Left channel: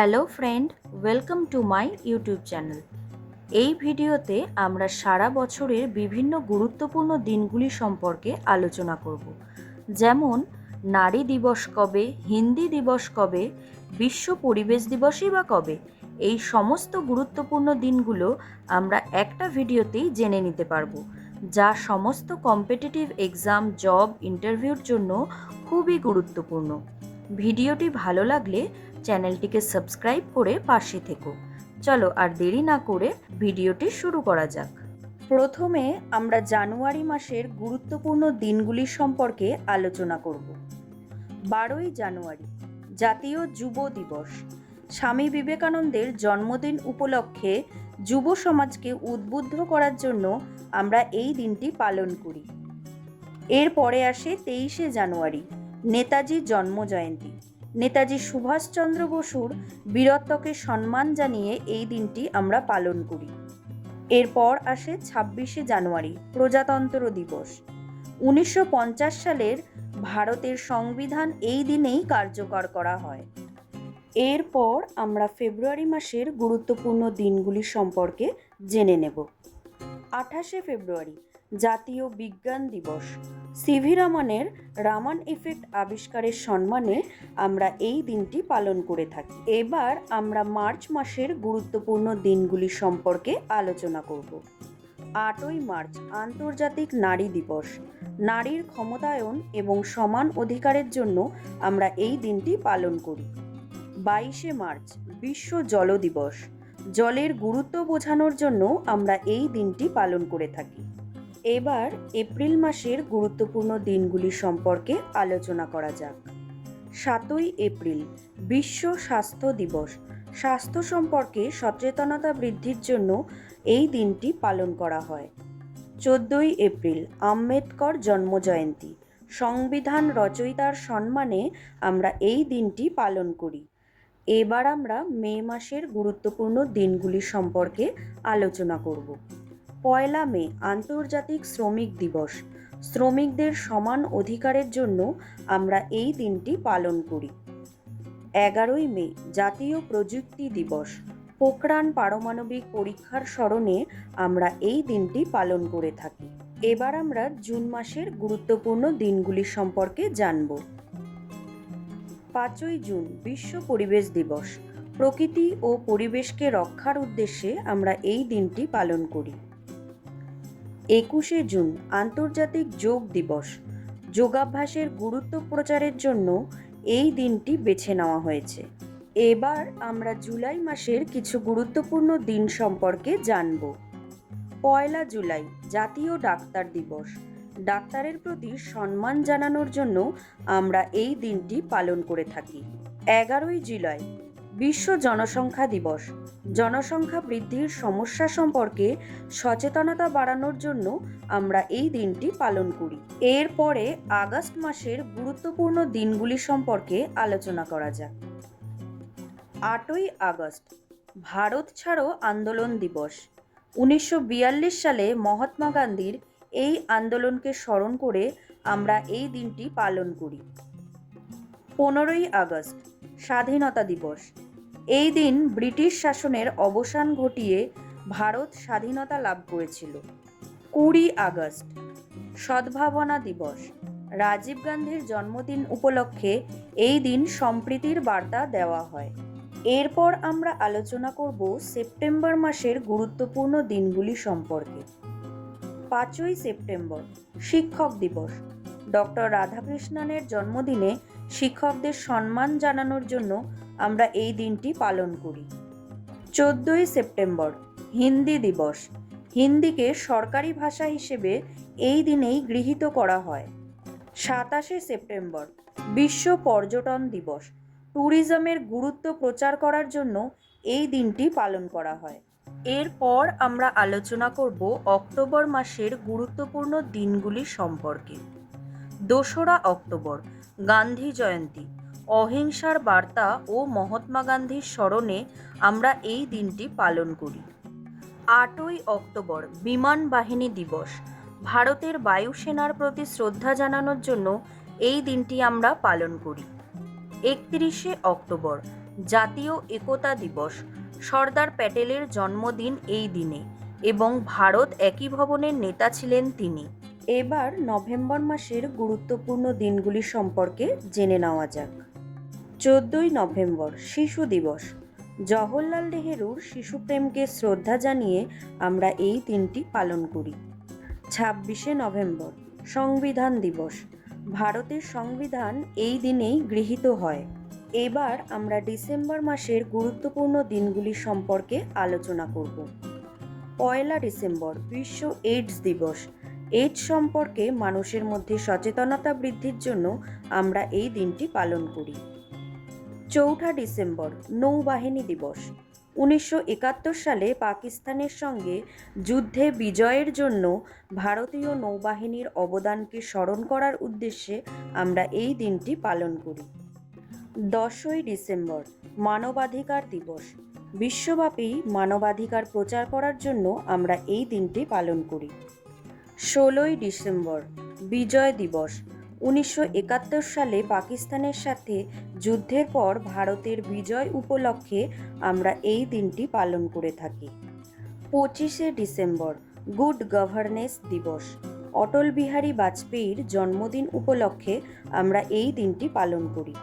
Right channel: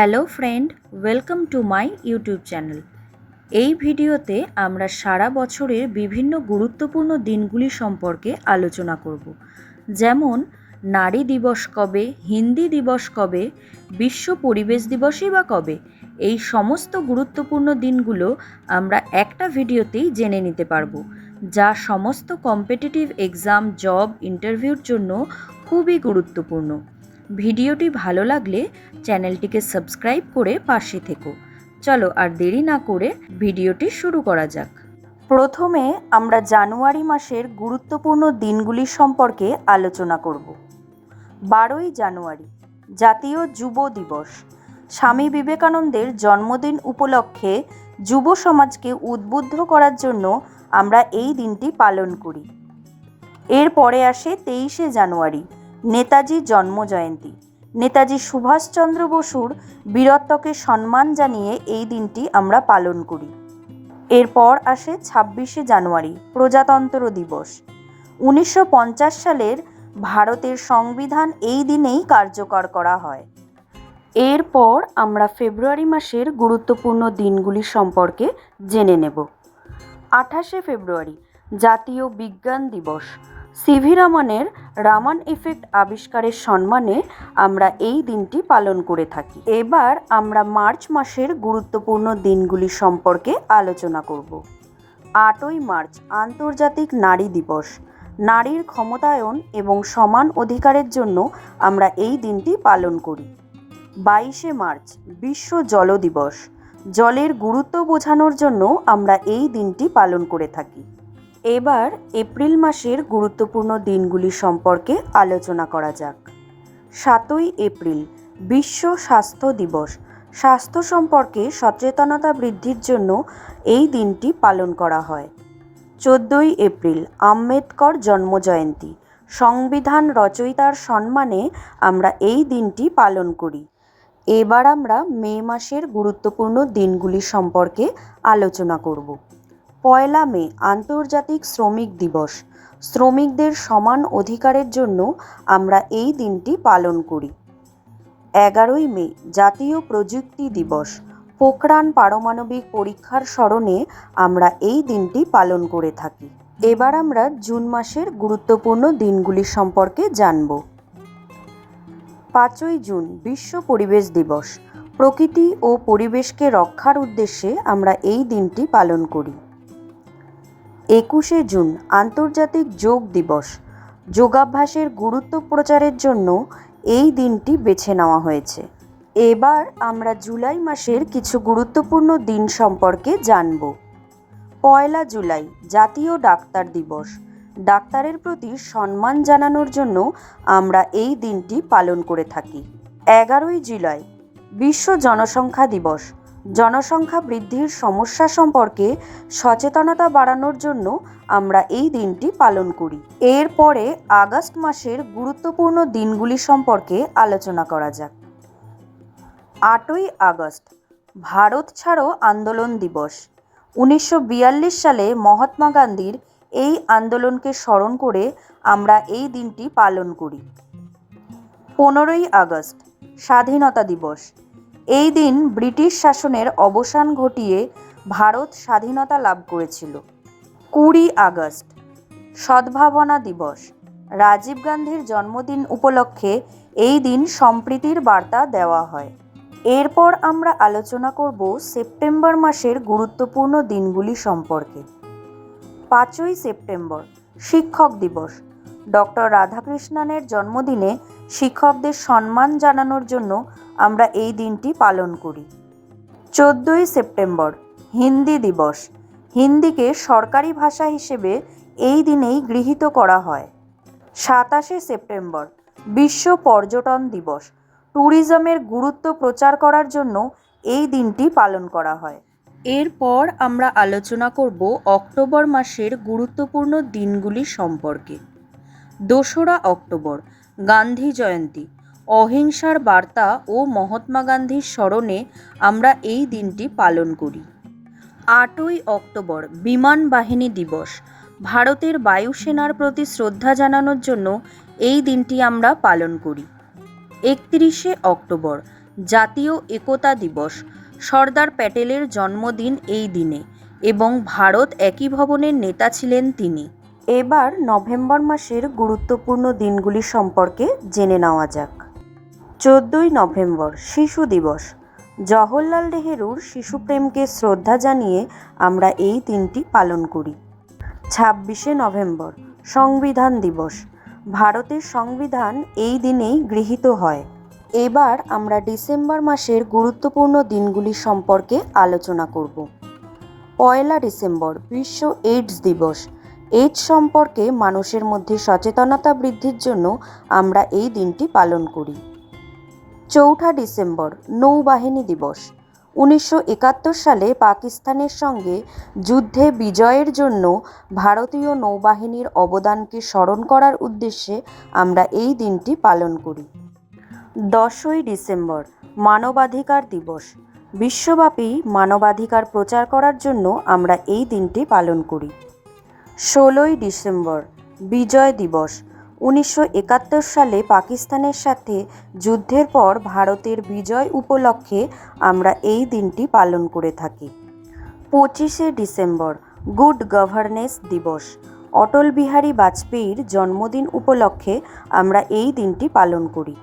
Hello friend, welcome to my YouTube channel. এই ভিডিওতে আমরা সারা বছরের বিভিন্ন গুরুত্বপূর্ণ দিনগুলি সম্পর্কে আলোচনা করব। যেমন, নারী দিবস কবে, হিন্দি দিবস কবে, বিশ্ব পরিবেশ দিবসই বা কবে, এই সমস্ত গুরুত্বপূর্ণ দিনগুলো আমরা একটা ভিডিওতেই জেনে নিতে পারব, যা সমস্ত কম্পিটিটিভ এক্সাম, জব, ইন্টারভিউর জন্য খুবই গুরুত্বপূর্ণ। ভিডিওটি ভালো লাগলে চ্যানেলটিকে সাবস্ক্রাইব করে পাশে থেকো। চলো আর দেরি না করে ভিডিওটি শুরু করা যাক। প্রথমে আমরা জানুয়ারি মাসের গুরুত্বপূর্ণ দিনগুলি সম্পর্কে আলোচনা করব। বারোই জানুয়ারি, জাতীয় যুব দিবস। স্বামী বিবেকানন্দের জন্মদিন উপলক্ষে যুব সমাজকে উদ্বুদ্ধ করার জন্য আমরা এই দিনটি পালন করি। এরপরে আসে তেইশে জানুয়ারি, নেতাজি জন্মজয়ন্তী। নেতাজি সুভাষচন্দ্র বসুর বীরত্বকে সম্মান জানিয়ে এই দিনটি আমরা পালন করি। এরপর আসে ছাব্বিশে জানুয়ারি, প্রজাতন্ত্র দিবস। উনিশশো পঞ্চাশ সালের ভারতের সংবিধান এই দিনেই কার্যকর করা হয়। এরপর আমরা ফেব্রুয়ারি মাসের গুরুত্বপূর্ণ দিনগুলি সম্পর্কে জেনে নেব। আঠাশে ফেব্রুয়ারি, জাতীয় বিজ্ঞান দিবস। সিভি রামনের রামান এফেক্ট আবিষ্কারের সম্মানে আমরা এই দিনটি পালন করে থাকি। এবার আমরা মার্চ মাসের গুরুত্বপূর্ণ দিনগুলি সম্পর্কে আলোচনা করব। আটই মার্চ, আন্তর্জাতিক নারী দিবস। নারীর ক্ষমতায়ন এবং সমান অধিকারের জন্য আমরা এই দিনটি পালন করি। বাইশে মার্চ, বিশ্ব জল দিবস। জলের গুরুত্ব বোঝানোর জন্য আমরা এই দিনটি পালন করে থাকি। এবার এপ্রিল মাসের গুরুত্বপূর্ণ দিনগুলি সম্পর্কে আলোচনা করা যাক। সাতই এপ্রিল, বিশ্ব স্বাস্থ্য দিবস। স্বাস্থ্য সম্পর্কে সচেতনতা বৃদ্ধির জন্য এই দিনটি পালন করা হয়। চোদ্দই এপ্রিল, আম্বেদকর জন্মজয়ন্তী। সংবিধান রচয়িতার সম্মানে আমরা এই দিনটি পালন করি। এবার আমরা মে মাসের গুরুত্বপূর্ণ দিনগুলি সম্পর্কে আলোচনা করব। পয়লা মে, আন্তর্জাতিক শ্রমিক দিবস। শ্রমিকদের সমান অধিকারের জন্য আমরা এই দিনটি পালন করি। এগারোই মে, জাতীয় প্রযুক্তি দিবস। পোখরান পারমাণবিক পরীক্ষার স্মরণে আমরা এই দিনটি পালন করে থাকি। এবার আমরা জুন মাসের গুরুত্বপূর্ণ দিনগুলি সম্পর্কে জানব। পাঁচই জুন, বিশ্ব পরিবেশ দিবস। প্রকৃতি ও পরিবেশকে রক্ষার উদ্দেশ্যে আমরা এই দিনটি পালন করি। একুশে জুন আন্তর্জাতিক যোগ দিবস। যোগাভ্যাসের গুরুত্ব প্রচারের জন্য এই দিনটি বেছে নেওয়া হয়েছে। এবার আমরা জুলাই মাসের কিছু গুরুত্বপূর্ণ দিন সম্পর্কে জানব। পয়লা জুলাই, জাতীয় ডাক্তার দিবস। ডাক্তারের প্রতি সম্মান জানানোর জন্য আমরা এই দিনটি পালন করে থাকি। এগারোই জুলাই, বিশ্ব জনসংখ্যা দিবস। জনসংখ্যা বৃদ্ধির সমস্যা সম্পর্কে সচেতনতা বাড়ানোর জন্য আমরা এই দিনটি পালন করি। এরপরে আগস্ট মাসের গুরুত্বপূর্ণ দিনগুলি সম্পর্কে আলোচনা করা যাক। আটই আগস্ট, ভারত ছাড়ো আন্দোলন দিবস। উনিশশো বিয়াল্লিশ সালে মহাত্মা গান্ধীর এই আন্দোলনকে স্মরণ করে আমরা এই দিনটি পালন করি। পনেরোই আগস্ট, স্বাধীনতা দিবস। এই দিন ব্রিটিশ শাসনের অবসান ঘটিয়ে ভারত স্বাধীনতা লাভ করেছিল। কুড়ি আগস্ট, সদ্ভাবনা দিবস। রাজীব গান্ধীর জন্মদিন উপলক্ষে এই দিন সম্প্রীতির বার্তা দেওয়া হয়। এরপর আমরা আলোচনা করব সেপ্টেম্বর মাসের গুরুত্বপূর্ণ দিনগুলি সম্পর্কে। পাঁচই সেপ্টেম্বর, শিক্ষক দিবস। ডক্টর রাধাকৃষ্ণনের জন্মদিনে শিক্ষকদের সম্মান জানানোর জন্য আমরা এই দিনটি পালন করি। চোদ্দোই সেপ্টেম্বর, হিন্দি দিবস। হিন্দিকে সরকারি ভাষা হিসেবে এই দিনেই গৃহীত করা হয়। সাতাশে সেপ্টেম্বর, বিশ্ব পর্যটন দিবস। ট্যুরিজমের গুরুত্ব প্রচার করার জন্য এই দিনটি পালন করা হয়। এরপর আমরা আলোচনা করব অক্টোবর মাসের গুরুত্বপূর্ণ দিনগুলি সম্পর্কে। দোসরা অক্টোবর, গান্ধী জয়ন্তী। অহিংসার বার্তা ও মহাত্মা গান্ধীর স্মরণে আমরা এই দিনটি পালন করি। আটই অক্টোবর, বিমান বাহিনী দিবস। ভারতের বায়ুসেনার প্রতি শ্রদ্ধা জানানোর জন্য এই দিনটি আমরা পালন করি। একত্রিশে অক্টোবর, জাতীয় একতা দিবস। সর্দার প্যাটেলের জন্মদিন এই দিনে এবং ভারত একই ভবনের নেতা ছিলেন তিনি। এবার নভেম্বর মাসের গুরুত্বপূর্ণ দিনগুলি সম্পর্কে জেনে নেওয়া যাক। চোদ্দই নভেম্বর শিশু দিবস। জওহরলাল নেহেরুর শিশুপ্রেমকে শ্রদ্ধা জানিয়ে আমরা এই দিনটি পালন করি। ছাব্বিশে নভেম্বর, সংবিধান দিবস। ভারতের সংবিধান এই দিনেই গৃহীত হয়। এবার আমরা ডিসেম্বর মাসের গুরুত্বপূর্ণ দিনগুলি সম্পর্কে আলোচনা করব। পয়লা ডিসেম্বর, বিশ্ব এইডস দিবস। এইডস সম্পর্কে মানুষের মধ্যে সচেতনতা বৃদ্ধির জন্য আমরা এই দিনটি পালন করি। চৌঠা ডিসেম্বর নৌবাহিনী দিবস। উনিশশো একাত্তর সালে পাকিস্তানের সঙ্গে যুদ্ধে বিজয়ের জন্য ভারতীয় নৌবাহিনীর অবদানকে স্মরণ করার উদ্দেশ্যে আমরা এই দিনটি পালন করি। দশই ডিসেম্বর, মানবাধিকার দিবস। বিশ্বব্যাপী মানবাধিকার প্রচার করার জন্য আমরা এই দিনটি পালন করি। ষোলোই ডিসেম্বর, বিজয় দিবস। উনিশশো একাত্তর সালে পাকিস্তানের সাথে যুদ্ধের পর ভারতের বিজয় উপলক্ষে আমরা এই দিনটি পালন করে থাকি। পঁচিশে ডিসেম্বর, গুড গভর্নেন্স দিবস। অটল বিহারী বাজপেয়ীর জন্মদিন উপলক্ষে আমরা এই দিনটি পালন করি।